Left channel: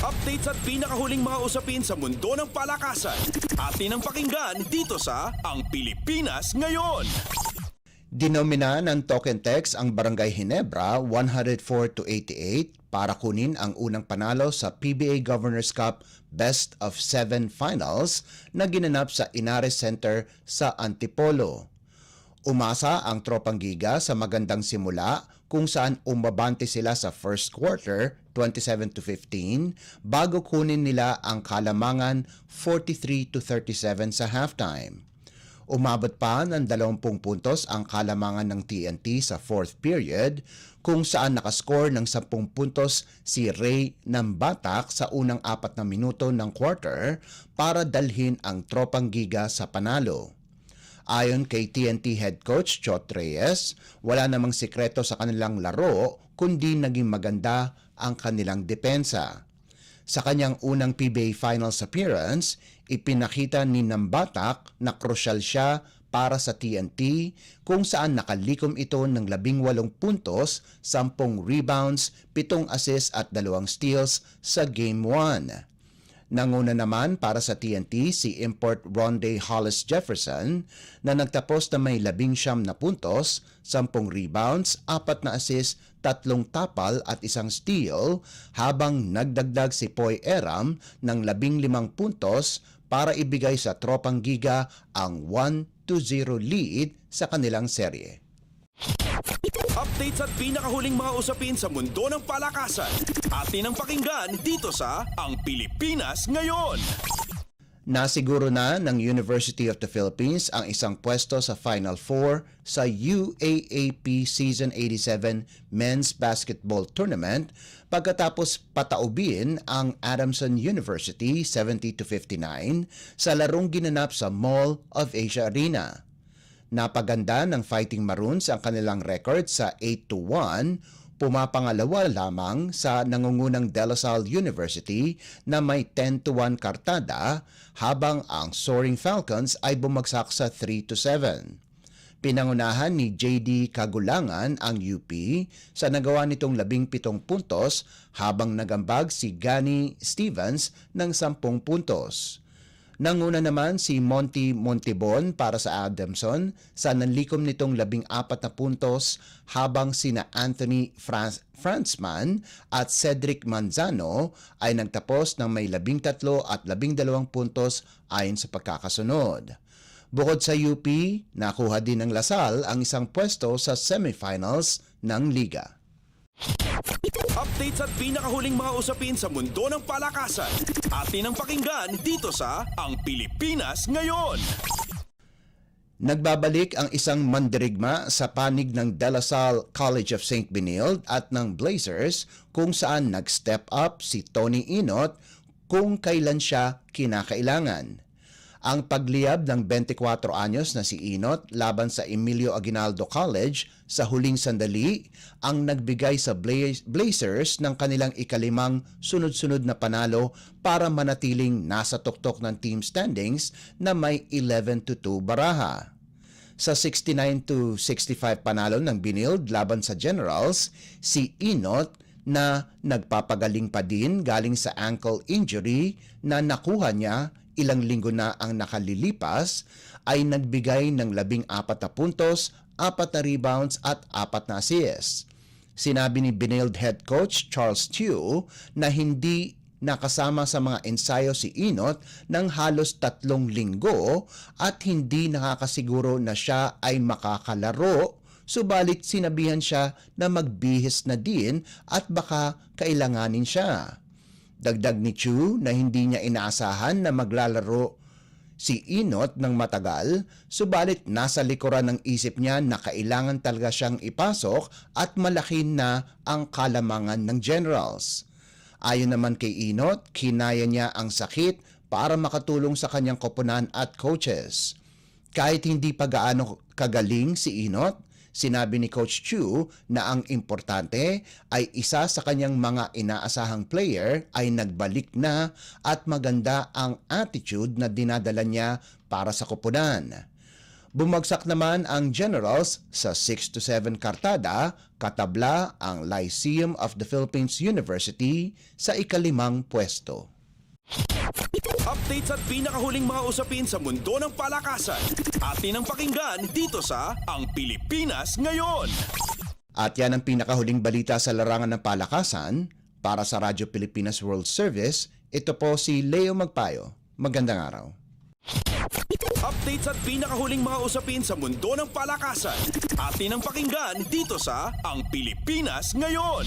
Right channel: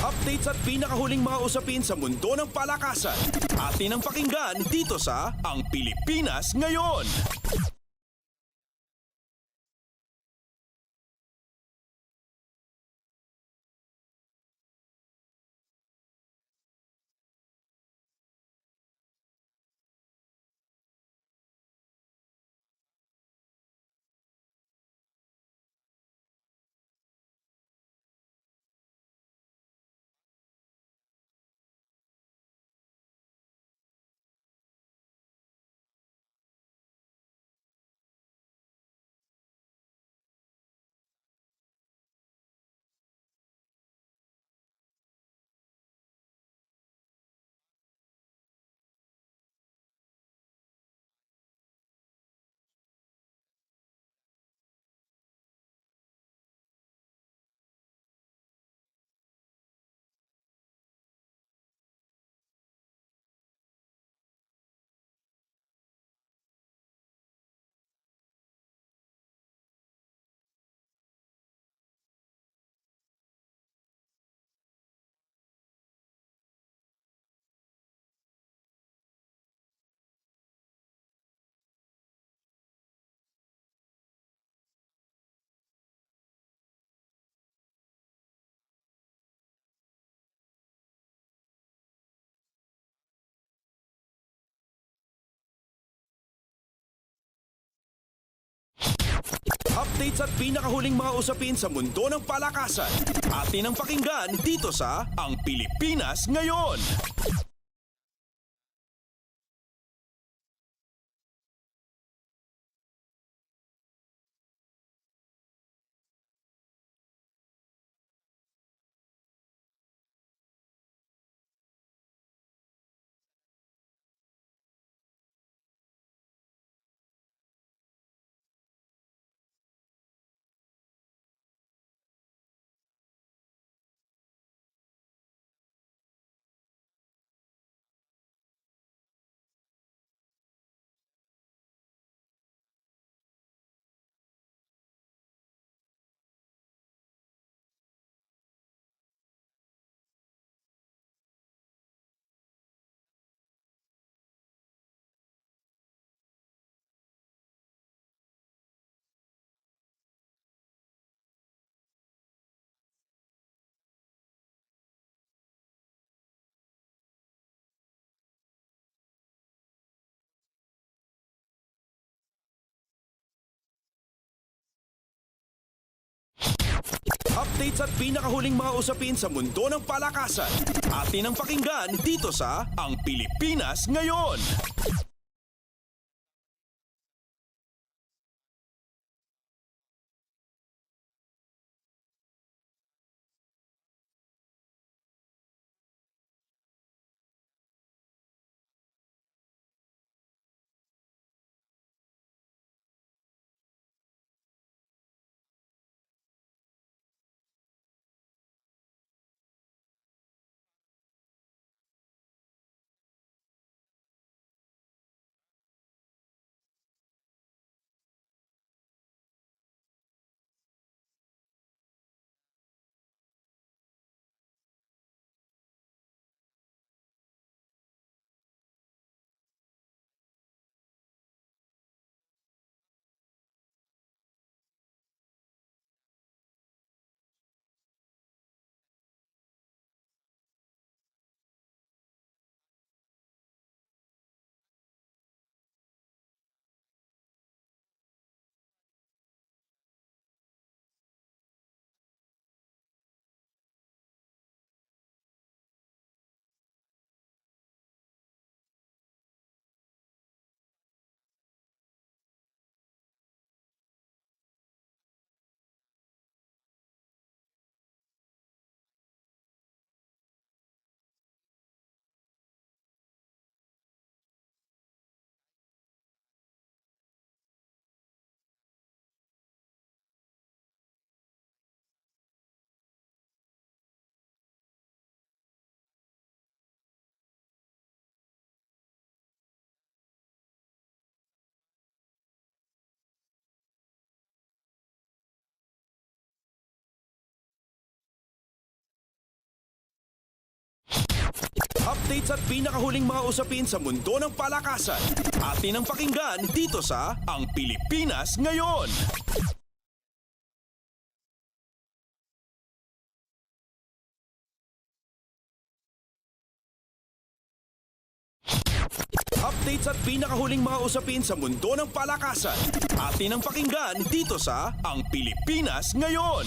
Updates at pinakahuling mga usapin sa mundo ng palakasan. Atin ang pakinggan dito sa Ang Pilipinas Ngayon. Dinomina ng Token Text ang Barangay Ginebra 104-88 para kunin ang unang panalo sa PBA Governors Cup Best of 7 Finals na ginanap sa Inares Center sa Antipolo. Umasa ang Tropang Giga sa magandang simula kung saan umabante sila sa first quarter 27-15 bago kunin nila ang kalamangan 43-37 sa halftime. Umabot pa ng 20 puntos ang kalamangan ng TNT sa fourth period kung saan nakascore ng 10 puntos si Ray Nambatak sa unang 4 na minuto ng quarter para dalhin ang Tropang Giga sa panalo. Ayon kay TNT head coach Chot Reyes, wala namang sikreto sa kanilang laro kundi naging maganda ang kanilang depensa. Sa kanyang unang PBA Finals appearance, ipinakita ni Nambatak na krusyal siya para sa TNT kung saan nakalikom ito ng 18 puntos, 10 rebounds, 7 assists at 2 steals sa Game 1. Nanguna naman para sa TNT si import Ronde Hollis Jefferson na nagtapos na may 19 na puntos, 10 rebounds, 4 na assist, 3 tapal at 1 steal habang nagdagdag si Poy Eram ng 15 puntos para ibigay sa Tropang Giga ang 1-0 lead sa kanilang serye. Updates at pinakahuling mga usapin sa mundo ng palakasan. Atin ang pakinggan dito sa Ang Pilipinas Ngayon. Nasiguro na ng University of the Philippines ang isang pwesto sa Final Four sa UAAP Season 87 Men's Basketball Tournament pagkatapos pataubin ang Adamson University 70-59 sa larong ginanap sa Mall of Asia Arena. Napaganda ng Fighting Maroons ang kanilang record sa 8-1, pumapangalawa lamang sa nangungunang De La Salle University na may 10-1 kartada habang ang Soaring Falcons ay bumagsak sa 3-7. Pinangunahan ni JD Kagulangan ang UP sa nagawa nitong 17 puntos habang nagambag si Gani Stevens ng 10 puntos. Nanguna naman si Monty Montibon para sa Adamson sa nanlikom nitong 14 na puntos habang sina Anthony Franzman at Cedric Manzano ay nagtapos ng may 13 at 12 puntos ayon sa pagkakasunod. Bukod sa UP, nakuha din ng Lasal ang isang pwesto sa semifinals ng liga. Updates at pinakahuling mga usapin sa mundo ng palakasan. Atin ang pakinggan dito sa Ang Pilipinas Ngayon. Nagbabalik ang isang mandirigma sa panig ng De La Salle College of St. Benilde at ng Blazers kung saan nag-step up si Tony Inot kung kailan siya kinakailangan. Ang pagliyab ng 24 anyos na si Inot laban sa Emilio Aguinaldo College sa huling sandali ang nagbigay sa Blazers ng kanilang ikalimang sunod-sunod na panalo para manatiling nasa tuktok ng team standings na may 11-2 baraha. Sa 69-65 panalo ng Benilde laban sa Generals, si Inot na nagpapagaling pa din galing sa ankle injury na nakuha niya ilang linggo na ang nakalilipas ay nagbigay ng 14 na puntos, 4 na rebounds at 4 na assists. Sinabi ni Benilde head coach Charles Tew na hindi nakasama sa mga ensayo si Inot ng halos 3 linggo at hindi nakakasiguro na siya ay makakalaro, subalit sinabihan siya na magbihis na din at baka kailanganin siya. Dagdag ni Chu na hindi niya inaasahan na maglalaro si Inot ng matagal, subalit nasa likuran ng isip niya na kailangan talaga siyang ipasok at malaki na ang kalamangan ng Generals. Ayon naman kay Inot, kinaya niya ang sakit para makatulong sa kanyang koponan at coaches. Kahit hindi pa gaano kagaling si Inot, sinabi ni Coach Chu na ang importante ay isa sa kanyang mga inaasahang player ay nagbalik na at maganda ang attitude na dinadala niya para sa koponan. Bumagsak naman ang Generals sa 6 to 7 kartada, katabla ang Lyceum of the Philippines University sa ika-5 pwesto. Updates at pinakahuling mga usapin sa mundo ng palakasan. Atin ang pakinggan dito sa Ang Pilipinas Ngayon. At yan ang pinakahuling balita sa larangan ng palakasan. Para sa Radyo Pilipinas World Service, ito po si Leo Magpayo. Magandang araw. Updates at pinakahuling mga usapin sa mundo ng palakasan. Atin ang pakinggan dito sa Ang Pilipinas Ngayon.